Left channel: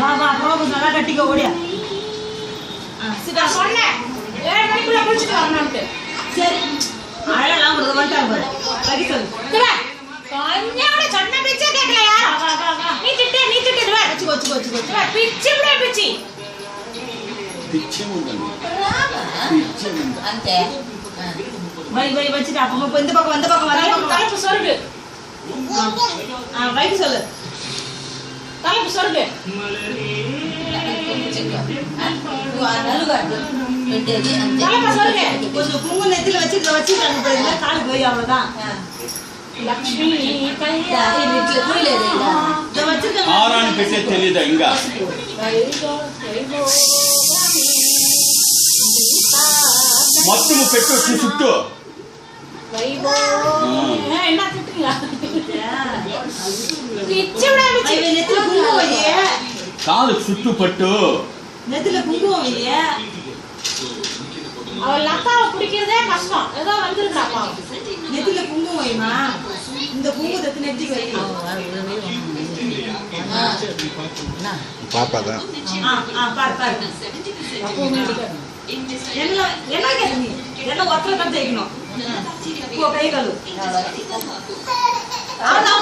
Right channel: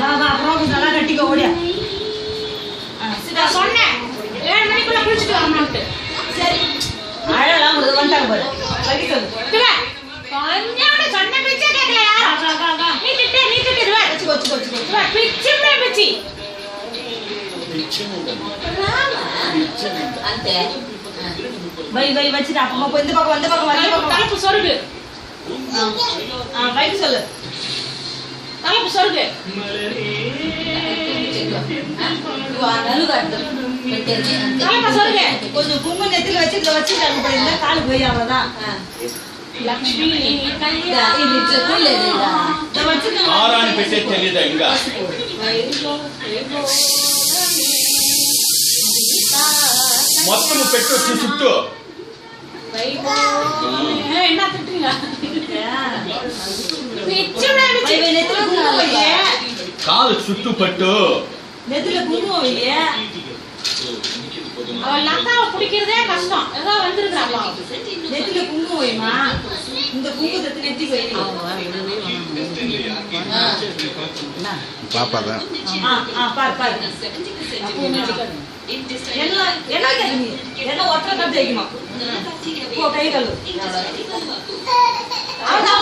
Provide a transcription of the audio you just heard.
வா வா ரோபு நல்லா கட்டிக்கோ ஓடியா. நான் சொன்னேன் 7 மணிக்குள்ள குளிச்சிட்டு வரணும்ட்டு. சரி அழலாம் ஒரு வந்துட்டாங்க பாரு. கட்டி சொல்லு. கொஞ்சம் சொன்ன பிச்சை கேட்கல யாரும். நீ திட்டு இதுவா வச்சுக்கோ பிச்சு விட பிச்சு అంతే வை வச்சுட்டு அப்பமா இந்த பக்கம் வர தலைப்பு சொருகு. ரைட் சொல்லு. தலைப்பு சொருகு. தலைப்பு சொருகு. கொஞ்சம் குங்கு நெத்தில வச்சுட்டாங்க பாரு. இந்த காலுக்கு போய் அவ்வளவுதான். லக்ஷ்மி கல்யாணி ஆராணி పెట్టే తెలీదా ఇంకా మొత్తం పెట్టు చుట్టూ என்ன திட்டுங்க நெத்தில குங்குமம் வையே. కాలు చుట్టూ పట్టు நெத்தில குங்குமம் வையே. அவ லதாவை பிடிக்கிறதே கஷ்டம். ஏதோ வந்திருக்காங்களா நெத்தில குங்குமம் வைமா. இந்த குங்குமத்தை நெத்திக்கு வை. பாப்பாதான் பாரு என்ன கேட்க நீ என்ன ஒற்றை தான் தேய்க்கணும். போ கை கழு. அவ்வளோ